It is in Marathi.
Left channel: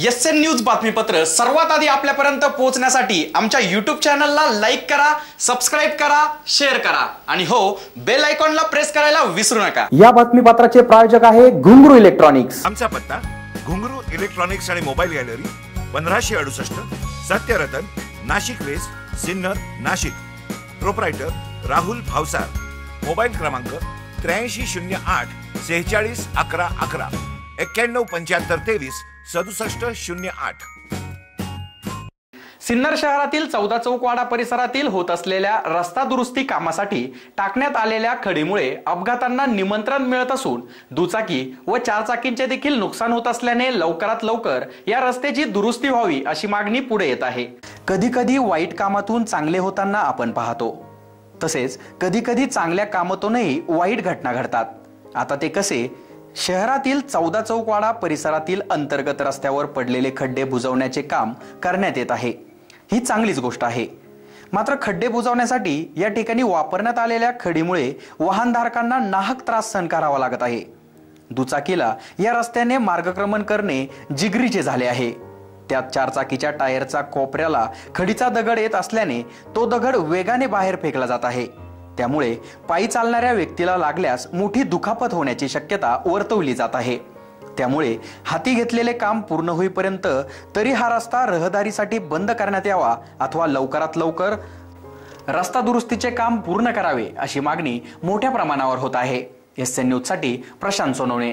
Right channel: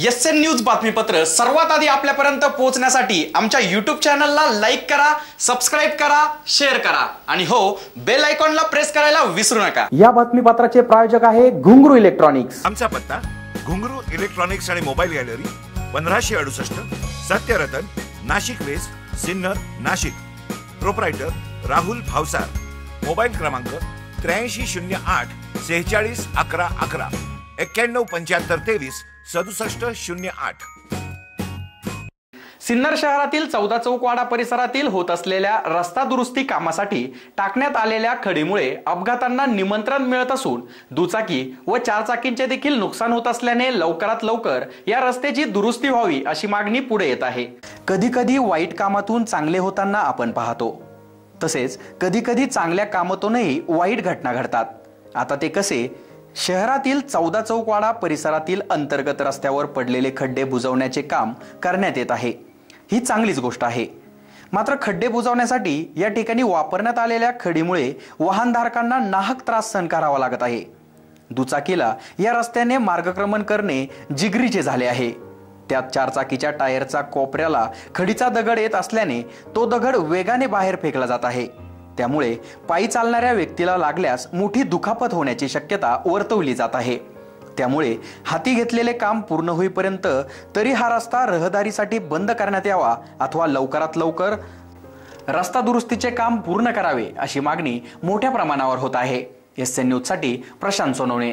एसएन न्यूज बातमीपत्र सर्वात आधी आपल्यापर्यंत पोहोचण्यासाठी आमच्या YouTube चॅनलला लाईक करा, सबस्क्राइब करा, शेअर करा आणि हो बेल आयकॉनला प्रेस करायला विसरू नका। या बातमीपत्राचे प्रायोजक आहे घुंगरू इलेक्ट्रॉनिक्स। आमचा पत्ता घुंगरू इलेक्ट्रॉनिक्स आणि mobile gallery 1568 Satyaratan Nashik west Sinnar Nashik. Proprietor Rahul Bhavsar. Mobile क्रमांक 8308 46 11 11 91 75 23 67 08। सिन्नर शहरातील 14 चौकवाडा परिसरातील होत असलेल्या रस्ता दुरुस्ती कामासाठी टाकण्यात आलेल्या खडीमुळे अपघातांना निमंत्रण मिळत असून दुचाकी व चारचाकींचे देखील नुकसान होत असल्याने लवकरात लवकर या रस्त्याची दुरुस्ती व्हावी अशी मागणी पुढे येत आहे। कधी कधी वाईट कामातून चांगले होताना आपण पाहतो, तसेच कधी कधी चांगल्या कामातूनही वाईट घटना घडतात। आता ते कसे? शहरातील 14 चौकवाडा परिसरातील अंतर्गत रस्त्यावर पडलेले खड्डे बुजवण्याचे काम करण्यात येत आहे। ही चांगलीच गोष्ट आहे, मात्र खड्डे बुजवण्यासाठी या ठिकाणी वापरण्यात आलेल्या खडीमुळे वाहनधारकांना नाहक त्रास सहन करावा लागत आहे। दुचाकीला या रस्त्याने मार्गक्रमण करणे जिगरीचे झाले आहे। त्यात चारचाकीच्या टायरचा कोपऱ्याला खडीचा दगड येत असल्याने तो दगड वेगाने बाहेर फेकला जात आहे। त्यामुळे पायी चालणाऱ्या व्यक्तीला लागल्यास मोठी दुखापत होण्याची शक्यता वर्तवली जात आहे। त्यामुळे हाती घेतलेले काम पूर्ण होईपर्यंत तरी हा रस्ता रहदारीसाठी बंद करण्यात यावा अथवा लवकरात लवकर रस्ता दुरुस्तीचे काम पूर्ण करावे अशी मागणी मोठ्या प्रमाणावर होत आहे। एसएन न्यूज साठी प्रशांत सोनवणे।